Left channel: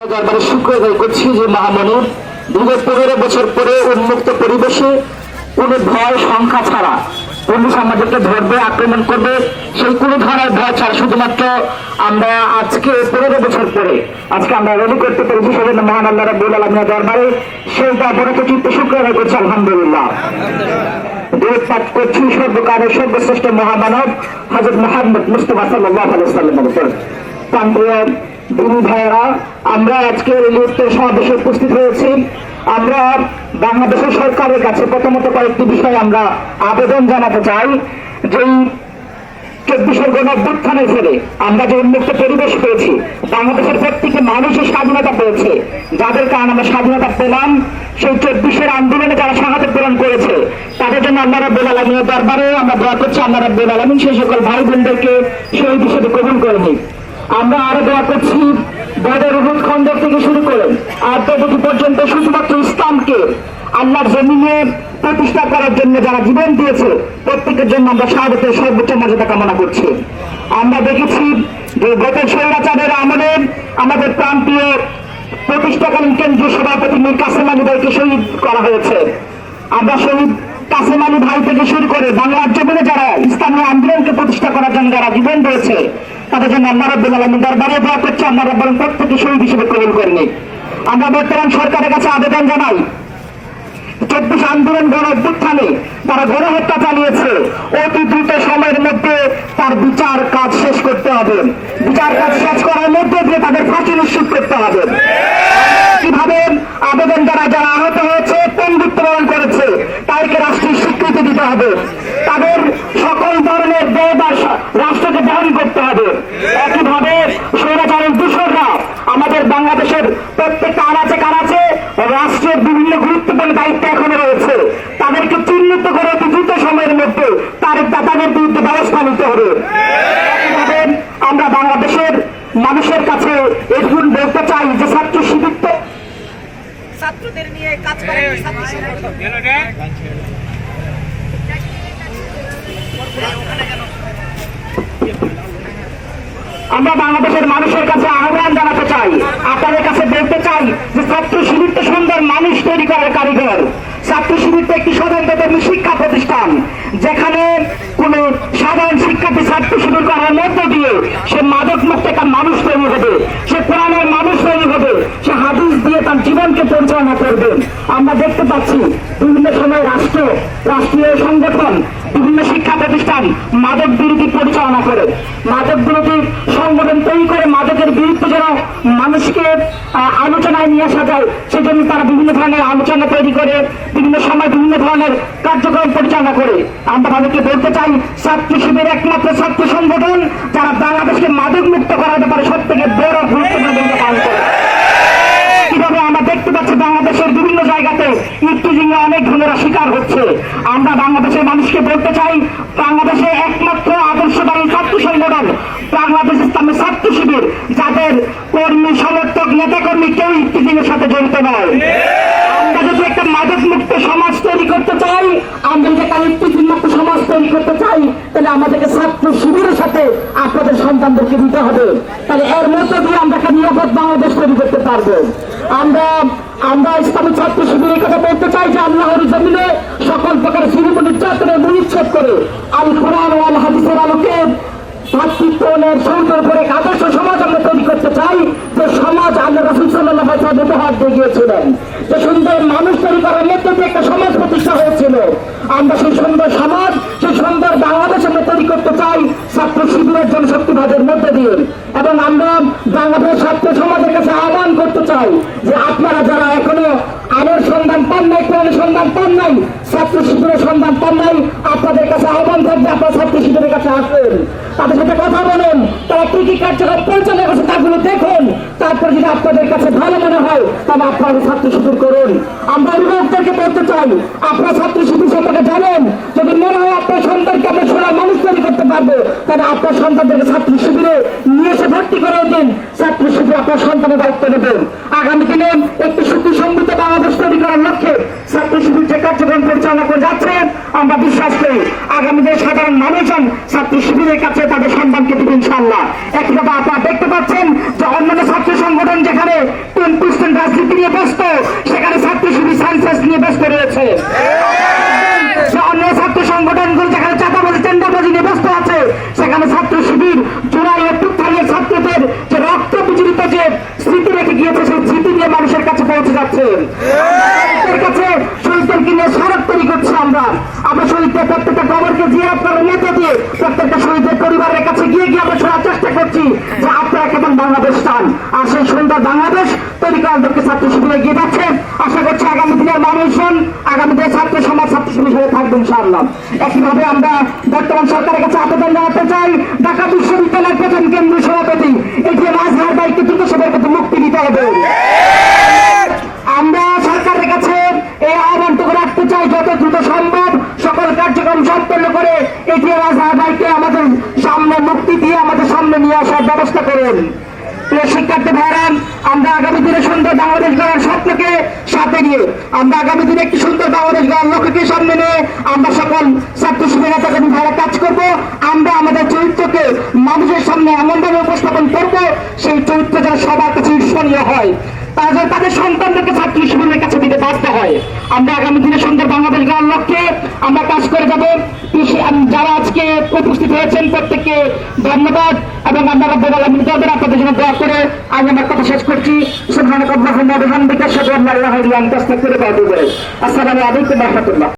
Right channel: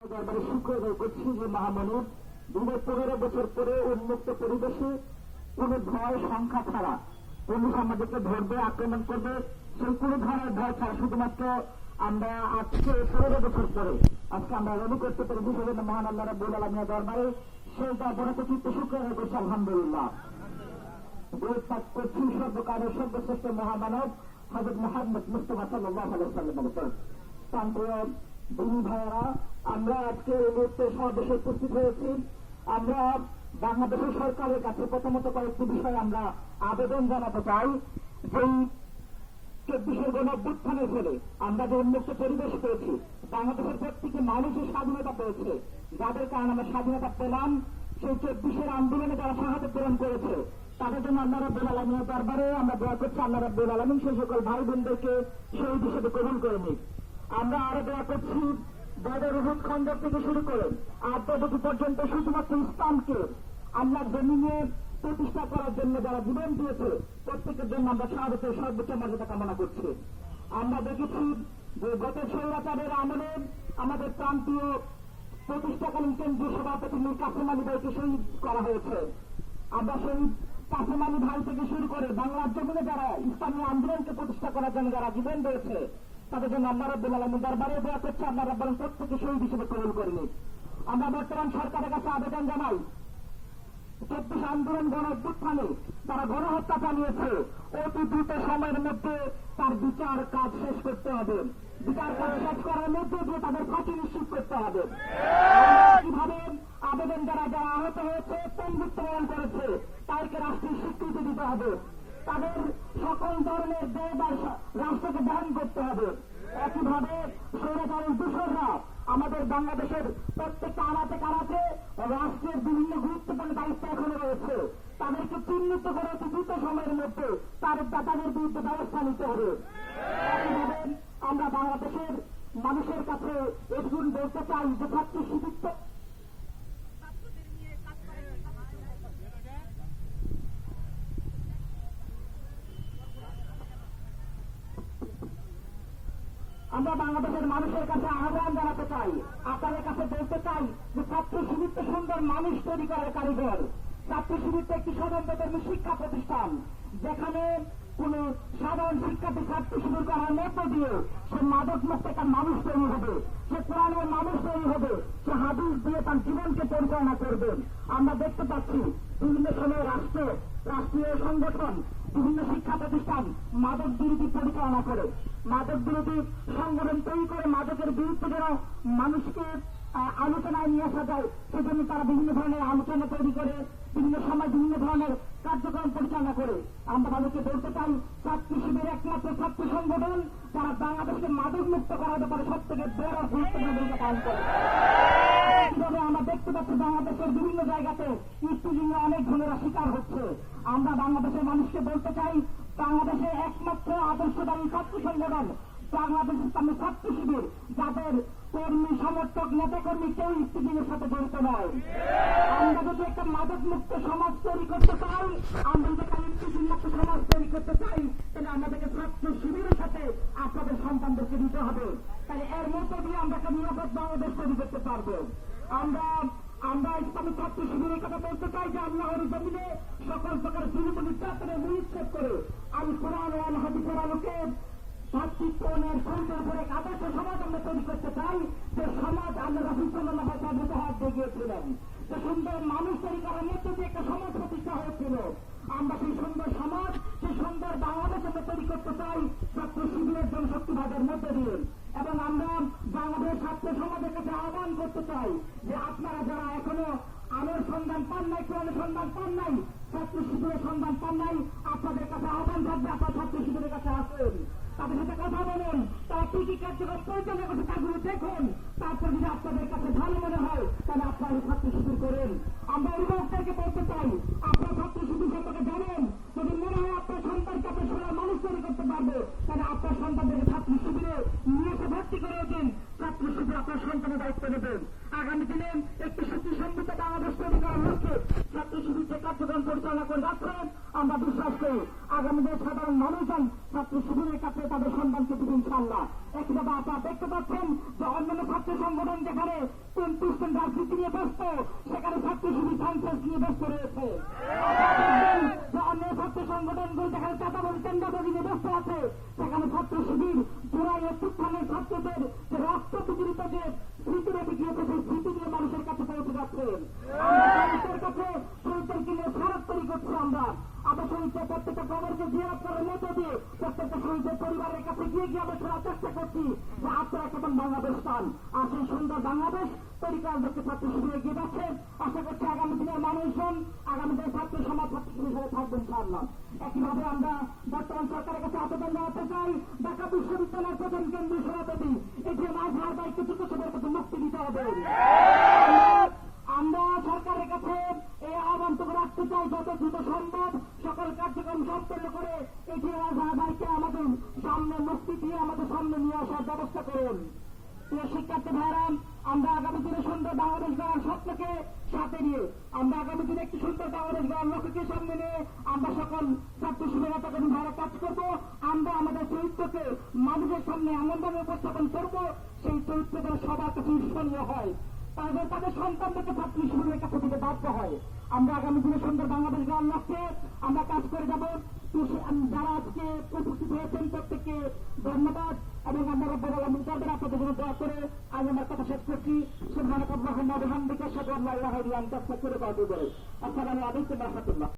দরবারে শুকর আদায় করছি যে মহামনির দীর্ঘ 15 বছর পরে উন্মুক্ত পরিবেশে কোনো ভয় সংখ্যা ছাড়া পুলিশ আমাদেরকে ধরবে, আক্রমণ করবে, সেই কোনো ধরনের ভয় ছাড়া শুধুমাত্র আমরা আজকে 15 বছর পরে আজকে আমরা রেডি করতে পেরেছি। সেজন্য মহান আল্লাহ রাব্বুল আলামিনের দরবারে সেই দরবারে চিত্তে শুকর আদায় করছি আলহামদুলিল্লাহ। দূর পাঠ করছি সর্বকালের সর্বশ্রেষ্ঠ মহামানব হযরত মুহাম্মদ মুস্তাফা সাল্লাল্লাহু আলাইহি ওয়াসাল্লামের উপর। প্রান্তীয় দিনী ভাইয়েরা, আমরা আজকে লিফটে সমাবেশে উপস্থিত হয়েছি। আমরা বাংলাদেশের সরকারের কাছে প্রথমত কয়েকটি বিষয় আমরা আবেদন জানাতে চাই। যেই 24 গণঅভ্যুত্থানের ফলে আমরা যে উন্মুক্ত পরিবেশ পেয়েছি, বাংলাদেশের প্রত্যেকটি মানুষের স্বাধীনতা পেয়েছে, যাদের কারণে আমরা স্বাধীনতা পেলাম, সেই 24 আন্দোলনে যারা শাহাদাত বরণ করেছে তাদের জন্য আল্লাহ রাব্বুল আলামিনের দরবারে আমরা দোয়া করছি আল্লাহ রাব্বুল আলামিন সেই সকল ভাই বোনদেরকে শহীদ হিসেবে কবুল করে নিন। আমরা আরো দোয়া করছি বদর উহুদ খন্দক থেকে শুরু করে আজ পর্যন্ত শুধুমাত্র ইসলামকে আল্লাহর জমিনে প্রতিষ্ঠা করার জন্য যারা জীবন দিয়েছে প্রত্যেকের জন্য আমরা শাহাদাতের সর্বোচ্চ মর্যাদা কামনা করছি। আমরা দেখেছি যে গত স্বৈরাচারের আমলে আমাদের প্রান্তীয় প্রতিষ্ঠাকালীন কেন্দ্রীয় সভাপতি মীর কাসেম আলী ভাইকে শহীদ করা হয়েছে। আমরা শহীদ কাসেম আলী ভাই থেকে শুরু করে বাংলার জমিনে যারা ইসলামী আন্দোলনকে প্রতিষ্ঠা করার জন্য যারা জীবন দিয়েছে তাদের জন্য আল্লাহ রাব্বুল আলামিন দরবারে দোয়া করছি আল্লাহ রাব্বুল আলামিন প্রত্যেককে শহীদ হিসেবে কবুল করে নিন। আমরা বর্তমান সরকারের কাছে আবেদন জানাই, 24 আন্দোলন গণঅভ্যুত্থানে তারা গণহত্যা চালিয়েছে, অতি দ্রুত সময়ের মধ্যে তার বিচার কাজ শেষ করতে হবে। বিচার কাজ শেষ করার মধ্যে দিয়ে তাদের ফাঁসি নিশ্চিত করতে হবে। কিভাবে আবেদন দ্বারা যারা আহত হয়েছে, পঙ্গুত্ব বরণ করেছে, তাদেরকে রাষ্ট্রীয় স্বীকৃতি দিতে হবে। তাদের সকল ধরনের ব্যয়ভার রাষ্ট্রকে বহন করতে হবে। একইভাবে স্বৈরাচারের দূষণরা আমাদের বাংলাদেশের প্রত্যেকটা আনাচে কানাচে রাষ্ট্রের বিভিন্ন গুরুত্বপূর্ণ দায়িত্ব এখনো রয়েছে, তাদেরকে চিহ্নিত করে অতি দ্রুত সময়ের মধ্যে তাদের বিরুদ্ধে ব্যবস্থা নিতে হবে। একইভাবে আমরা বাংলাদেশের মানুষের কাছে এটুকুন বলতে চাই যে ছাত্র শিবির ছাত্রদের নিয়ে কাজ করে আমরা বাংলাদেশের মানুষের কাছে আহ্বান জানাতে চাই, আপনাদের কাছে বলতে চাই যে ছাত্র শিবির তো সুন্দর মানুষ তৈরি করার কারিগর। ছাত্র শিবির তো একটি স্বতন্ত্র শিক্ষা প্রতিষ্ঠান, যেখানে কোন সাধারণ শিক্ষার্থী ছাত্র শিবির করার মধ্য দিয়ে সে মাদক মুক্ত একটা মানুষ তৈরি হবে, সে কোরআনের মানুষ তৈরি হবে, সে হাদিস দিয়ে তার জীবনকে পরিচালনা করবে। আমরা দেখতে পাচ্ছি বিভিন্ন সময় রাষ্ট্রীয় সংগঠন, বিভিন্ন শিক্ষা প্রতিষ্ঠান মাদক বিরোধী পরিচালনা করে, মাদক বিরোধী সংগঠন তৈরি করে মাদকের বিরুদ্ধে যেন মানুষকে আলোচনায় নিয়ে আসা যায় সেজন্য তারা বিভিন্ন ধরনের আলোচনা তৈরি করে, বিভিন্ন সময় বিভিন্ন ধরনের কার্যক্রম পরিচালনা করে। আমরা তাদেরকে বলতে চাই, ছাত্র শিবির একমাত্র ছাত্র সংগঠন যারা বাংলাদেশকে মাদক মুক্ত করার ব্যাপারে সব থেকে বড় গুরুত্বপূর্ণ ভূমিকা পালন করে। কিভাবে আমরা দেখতে পাচ্ছি বাংলাদেশের বিভিন্ন জায়গাতে ইফটিজিং অনেক ধরনের শিকার হচ্ছে। আমরা বাংলাদেশের মানুষকে বলতে চাই, বাংলাদেশে একমাত্র আদর্শবাদী ছাত্র সংগঠন বাংলাদেশ ইসলামী ছাত্র শিবির, যাদের কর্মী সমর্থক নেতাকর্মী কেউ ইফটিজিং এর সাথে জড়িত নয়। আমরা যদি একটা মাদক মুক্ত সমাজ তৈরি করতে চাই, আমরা যদি একটা ইফটিজিং মুক্ত সমাজ তৈরি করতে চাই, তাহলে আমাদেরকে ছাত্র শিবিরের সাথে আপনাদের সন্তানদেরকে দিতে হবে। তাহলে এর মধ্য দিয়ে আমরা একটা নিরাপদ বাংলাদেশ তৈরি করতে পারবো। আমরা ইসলামী ছাত্র শিবিরের কথা বলতে চাই যে আল্লাহর জমিনে সকল প্রকার জুলুম নির্যাতনের মূলচ্ছেদ করে আল কোরআন ও আল হাদিসের আলোকে ভাতৃত্বের সুন্দর করে আদর্শ সমাজ আমরা তৈরি করতে চাই, যে সমাজ আল্লাহ রাসূল সাল্লাল্লাহু আলাইহি ওয়াসাল্লাম উপহার দিয়ে গিয়েছিলেন, যে সুন্দর মানুষ তৈরি করার মধ্যে দিয়ে একটা সমাজ প্রতিষ্ঠা হয়েছিল। আমরা সেই সুন্দর সমাজ, সেই সুন্দর বাংলাদেশ আমরা তৈরি করতে চাই ছাত্র শিবিরের জনশক্তিবাদের মধ্যে দিয়ে। এবং আমরা বাংলাদেশ ছাত্র সমাজের কাছে আহ্বান করতে চাই যে আপনারা যারা এখনো আলোর সন্ধান পান নাই, কোরআনের সন্ধান পান নাই, ছাত্র শিবিরের সন্ধান পান নাই, আপনাদের কাছে আহ্বান থাকবে আপনারা ছাত্র শিবিরের কাছে আসবেন, তাদের সাথে কথা বলেন, তারা কি কি কার্যক্রম পরিচালনা করছে তাগুলো দেখুন। তারপর যদি আপনাদের কাছে ভালো মনে হয় তাহলে আপনারা ছাত্র শিবির করুন। আমরা অভিভাবকদেরকে বলতে চাই, আপনারা ছাত্র শিবির সম্পর্কে জানেন, যদি মনে হয় আপনার সন্তানকে আপনার সোনার মানুষ তৈরি করতে পারবে, তাহলে আপনার সন্তানদেরকে ছাত্র শিবিরে নিয়ে এসে ভর্তি করে দিন। ছাত্র শিবির আপনার সন্তানের দায়িত্ব নেবেন। আগামী দিনে একটি সুখী সমৃদ্ধ বাংলাদেশ তৈরি করার লক্ষ্যে ছাত্র শিবির যে কার্যক্রম পরিচালনা করে যাচ্ছে, আমরা বিশ্বাস করি আগামী দিনে সাধারণ মানুষজন ছাত্র শিবিরের কাছে তাদের সম্মানকে দিবে ইনশাআল্লাহ। একইভাবে আপনারা দেখতে পাচ্ছেন যে অন্যান্য ছাত্র সংগঠন যেখানে 10% রাজনীতি নিয়ে ব্যস্ত, সেখানে ছাত্র শিবির সায়েন্সেস নিয়ে ব্যস্ত রয়েছে। অন্য ছাত্র সংগঠনগুলো যেখানে চাঁদাবাজি টেন্ডারবাজি নিয়ে ব্যস্ত আছে, সেখানে ছাত্র শিবির জুলাই অভ্যুত্থানের ছাত্রদের যে রক্ত বিজড়িত যে স্মৃতি রেখে গিয়েছে, সেই স্মৃতি নিয়ে মানুষের কাছে পৌঁছে যাচ্ছে। শহীদদের কাছে শহীদদেরকে নিয়ে স্মারক তৈরি করছি আমরা শহীদদের প্রত্যেকটা খবরকে জিয়ারত করার মধ্যে দিয়ে প্রত্যেকটা শহীদের পরিবারের কাছে গিয়ে আমরা শোনার চেষ্টা করছি যে আপনারা কেমন বাংলাদেশ চান, আর সেই সুন্দর বাংলাদেশ তৈরি করার লক্ষ্যে ছাত্র শিবির এগিয়ে যাচ্ছে। আশা করছি আগামী দিনের মানুষজন, আগামী দিনের ছাত্র সমাজ ছাত্র শিবির হিসেবে থাকবে ইনশাআল্লাহ। একইভাবে আমরা বর্তমান সরকারের কাছে আবেদন জানাতে চাই, ঢাকা বিশ্ববিদ্যালয়ের প্রথম কেন্দ্রীয় সভাপতি এটিএম আজহার ভাইকে দ্রুত সময়ের মধ্যে মুক্তি দিতে হবে। আমরা সরকারের কাছে এই আহ্বানটুকু রাখতে চাই, যত দ্রুত সম্ভব সকল কার্যক্রম সম্পন্ন করে এটিএম আজহার ভাইকে আমাদের সামনে মুক্তি দিয়ে আমাদের সামনে নিয়ে আসার ব্যবস্থা করুন। প্রিয় শিক্ষার্থী ভাইরান, আমরা আগামী দিনে সুন্দর বাংলাদেশ গড়ার স্বপ্নকে সাথে নিয়ে, আমরা আগামী দিনে একটি সুন্দর বাংলাদেশ গড়ার লক্ষ্যকে সামনে নিয়ে আমরা সকল ছাত্র শিবির ভাইরা কাজ করব। আমরা আমাদের চরিত্রকে মানুষের সামনে এমনভাবে উপস্থাপন করব, সেই চরিত্র যেন সবার কাছে ঈর্ষণীয় হয়, তারা যেন তাদের সন্তানদেরকে ছাত্র শিবিরের কাছে দিতে বাধ্য হয়। আমরা আগামী দিনে সুন্দর বাংলাদেশ গড়ার লক্ষ্যে আমরা কাজ করে যাব। যারা আজকে উপস্থিত হয়েছেন প্রত্যেককে ধন্যবাদ, এবং আমরা রব্বুল আলামিন তাদের আপনাদের জন্য দোয়া করে আজ আমার কথা শেষ করছি। সুবহানাকাল্লাহুম্মা ওয়া বিহামদিকা আশহাদু আল্লা ইলাহা ইল্লা আনতা আস্তাগফিরুকা ওয়া আতুবু ইলাইক। আসসালামু আলাইকুম ওয়া রাহমাতুল্লাহ।